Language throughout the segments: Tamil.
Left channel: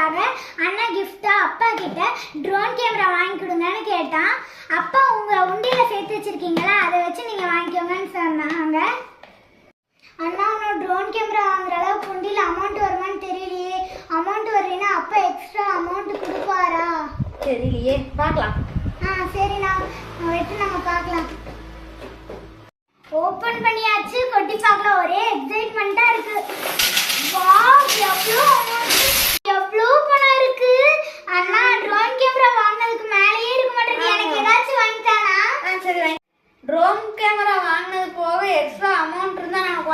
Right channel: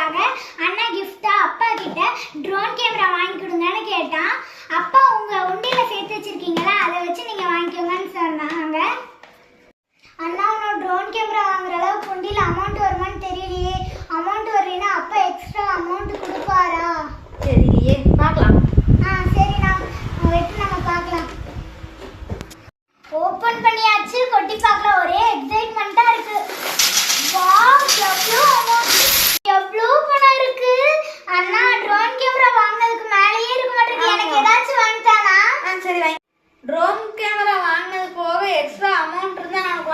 கிஃப்டா அப்பா கிட்ட ட்ரோன் கேமரா வாங்கி கொடுங்கன்னு கேட்டான். அப்பா உங்க உண்டியில சேர்த்து வச்சிருக்கீங்களா? அதை வச்சு நீங்க வாங்கிக்கோங்கன்னு சொன்னாங்க. அண்ணா உன்னோட ட்ரோன் கேமரா வாங்குற அளவுக்கு உண்டியில அமௌண்ட் வருமான்னு தெரியலையே. அமௌண்ட் வரலைன்னா அப்பா எக்ஸ்ட்ரா அமௌண்ட் கொடுப்பாரா? தெரியலையே. பார்க்கலாம் ஆ சரிண்ணா வெட்டு நம்ம பார்க்கலாம் ஓபன் பண்ணியாச்சு கொட்டி பார்க்கலாம் ஒரே எக்ஸைட்மெண்ட்டா இருக்கு வாவ் எவ்வளோ amount, எவ்வளோ பணம் இருக்கு அண்ணா ட்ரோன் கேமரா வாங்குறதுக்கு மேலேயே இருக்க மாட்டேங்குது எனக்கு ஏதாச்சும் வாங்கிட்டானா ஆ சரி வாங்கி ட்ரோன் கேமரா வாங்கினது போக எக்ஸ்ட்ரா அமௌண்ட் இருந்தால் நான்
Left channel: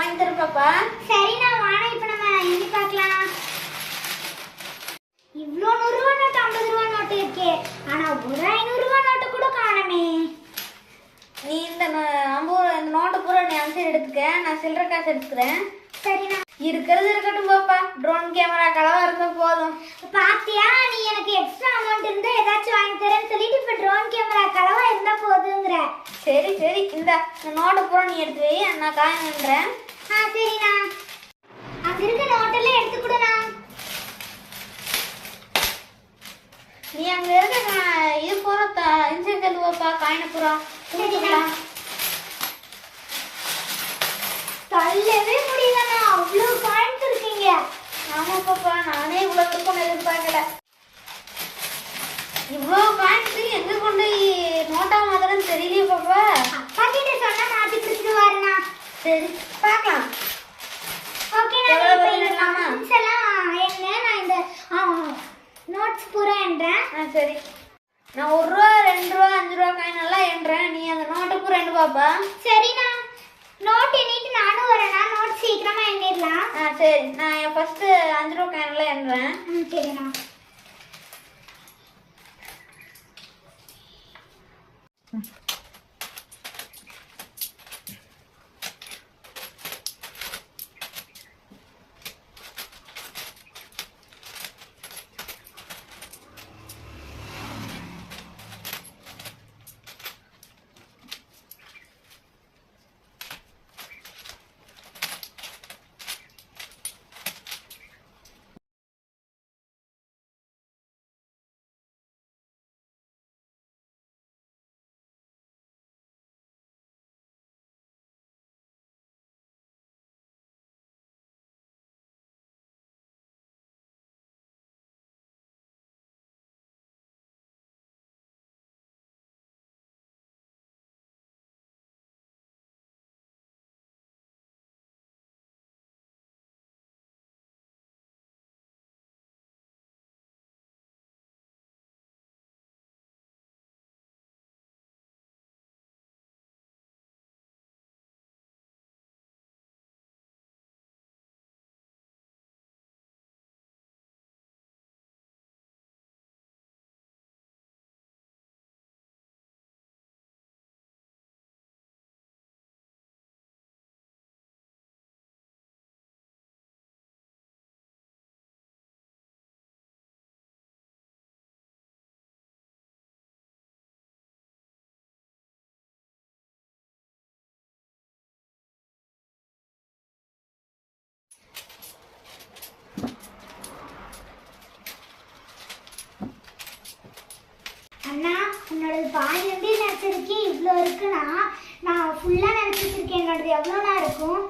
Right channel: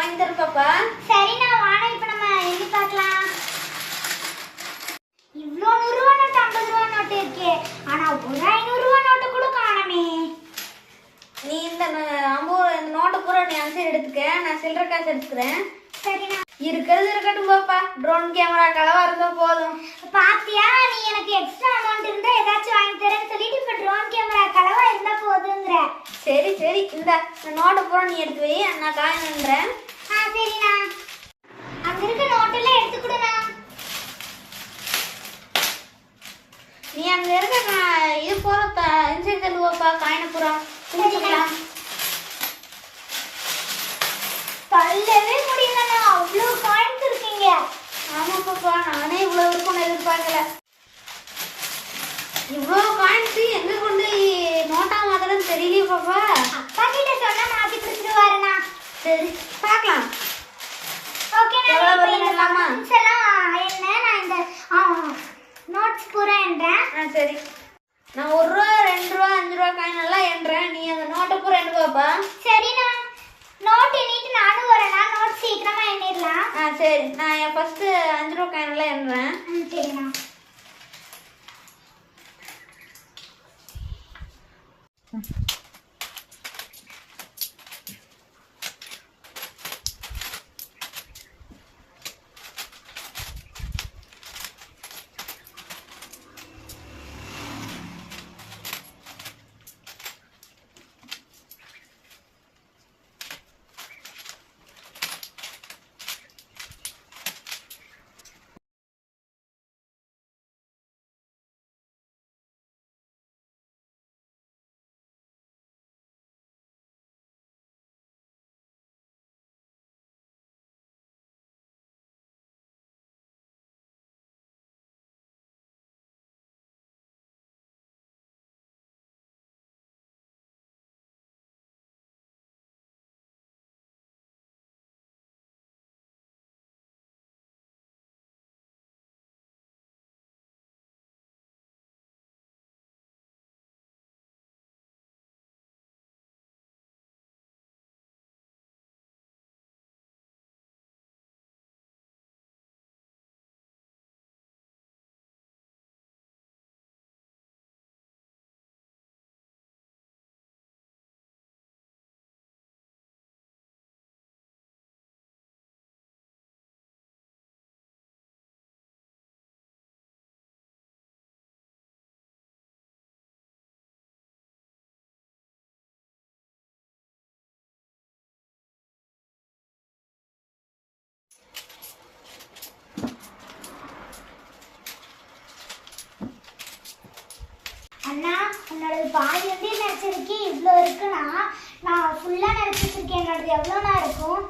பாப்பா. சரிண்ணா வாங்க இப்போ நம்ம எண்ணி பார்க்கலாம். இவ்வளோ நூறுரூவா நோட்டு ஐம்பது ரூபா நோட்டு இருக்கே. ஆனா ஒரு ஐநூறுரூவா நோட்டு கூட காணமே. நீ இந்த ஐம்பது இந்த நோட்டை பூரா நீ அன்சைடு எடுத்துக்க. நான் சில்லற காசு எடுத்துக்கிறேன். சரிண்ணா இருக்கிறது இருக்கட்டும் பாப்பா. ட்ரோன் கேமரா கலவா இருந்தா போதும். பாத்தியா? நீ எனக்கு எக்ஸ்ட்ரா அமௌண்ட் இருந்தா ஏதாச்சும் வாங்கி தரேன்னு சொல்லிட்டு இப்ப ட்ரோன் கேமரா கலவா இருந்தா போதுங்கிற. சரி சரி. இந்த நோட்டை பூரா நீ எடுத்து வை. நான் காய் நின்றேன் ஆ சரிண்ணா அங்க இருக்க நோட்டெல்லாம் எடுத்துக்கிடுண்ணா நீ அங்க இருக்க இது பூரா இன்சைட் தள்ளுவாப்பா காயினை தள்ளவே முடியலண்ணா. அவ்வளோ காய்ந்து இருக்கீங்க. ஆமா பாப்பா நானே இவ்வளவு இருக்கும்னு எதிர்பார்க்கல. இவ்வளோ காயின்ஸ் எங்க கொண்டு நோட்டா மாத்திரம் தெரியலையே பாப்பா அப்பா கிட்ட சொன்னா மாத்தி கொடுத்துருவாருண்ணா. சரி பார்க்கலாம். ஓகேண்ணா எவ்வளவு இப்போ இந்த coins எல்லாம் என்ன நான் இந்த நோட்ஸ் பூரா என்றேன் ஆ சரி. நான் ஒரு ரூபா ரெண்டு ரூபா அஞ்சு ரூபா காயின் எல்லாம் எண்றேன் நீ அந்த நோட்டை பூரா எண்ணு பாப்பா. சரிண்ணா நோட் எண்ணிட்டு நானும் வரேண்ணா நோட் சீக்கிரமா எண்ணிடலாம் ஆ சரி. நான் என் ஃபர்ஸ்ட் அஞ்சு ரூபா காயின் எல்லாம் எண்றேன் ம் சரிண்ணா அண்ணா பாதி வந்து நினச்சதுக்கு இவ்வளோ இருக்குன்னா நான் ஃபுல்லாக நினச்சி வச்சிருக்கேன் என்னோடது இருக்கும்?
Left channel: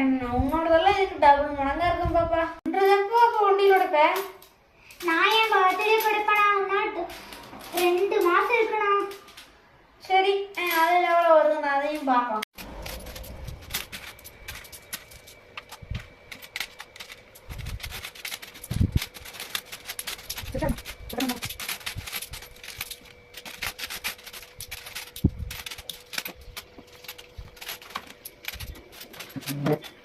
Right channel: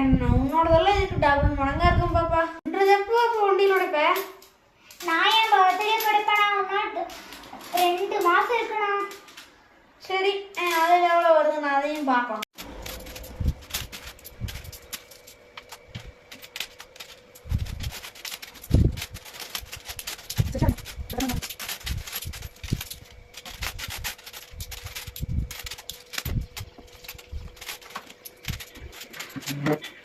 என்ன உன்னோடதெல்லாம் இதுக்கு டபுள் மடங்கா இருக்கும் பாப்பா? ஒன்றது எப்போ அப்போ வண்டியில் உடைப்பேன் நான் என் பர்த்டே படிப்பேனா இன்னும் ரெண்டு மாதம் இருக்குண்ணா. சரி அதில் எவ்வளோ வருது நான் அதையும் பார்க்கலாம். Mm-hmm.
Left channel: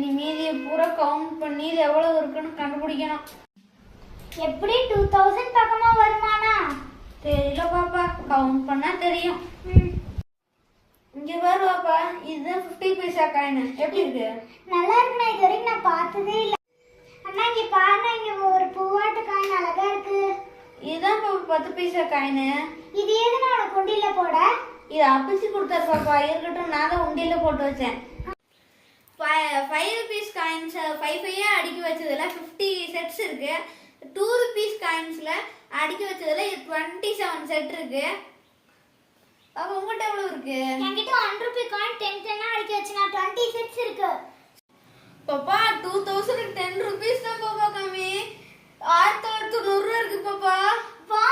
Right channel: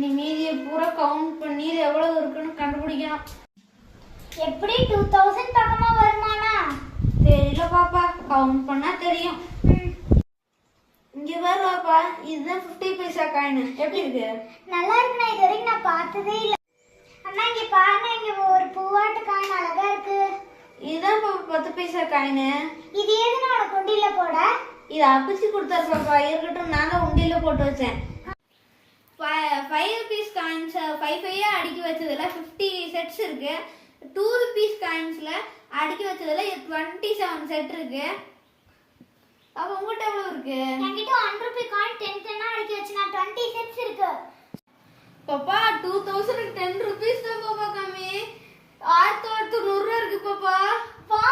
இனி மீதியை பூரா கவுண்ட் பண்ணி இது எவ்வளவு இருக்குன்னு கண்டுபிடிக்கணும். எப்படி? டூ தௌசண்ட் பக்கமா வருமானா? தெரியல பாப்பா. கவுண்ட் பண்ணால் தெரியும். இங்கே பாரு பாப்பா. இதுதான் ஃபிஃப்டி பைசா காயின் எப்படி இருக்கு? நல்லா இருக்குண்ணா இது வரைக்கும் நான் பார்த்ததே இல்லை. அண்ணா இங்கே பாருங்க இங்கே ஒரு பூவாட்டு காயின் அழகா இருக்கு. இதுதான் பாப்பா பத்து பைசா காயின் இது எதுனா உனக்கு உண்டியில் போட? இது அப்பிச்சு கொடுத்தாரு பாப்பா. இருக்கட்டும் நான் தான் உண்டியில் போட்டு வச்சேன். ஃபைவ் ருபீஸ் காயின்ஸ் ஃபைவ் ஃபைவாக அடுக்கி வச்சதில் ஃபிஃப்டி செட்ஸ் இருக்குது டூ ருபீஸ் காயின்ஸில் அடுக்கி வச்சதில் டுவெண்ட்டி செவன் செட் இருக்குது அப்போ உங்கள்கிட்ட எவ்வளோ இருக்குது என்கிட்ட ஒன் ருபி காயின் டென் டென்னாக அடுக்கி வச்சு நான் டுவெண்ட்டி செட்ஸ் இருக்கு. பாப்பா டூ தௌசண்ட் டென் ருபீஸ் தான் பாப்பா கம்மி. ஆயிரத்தி தொள்ளாயிரத்து நூறுரூவா இருக்கு பாப்பா. வா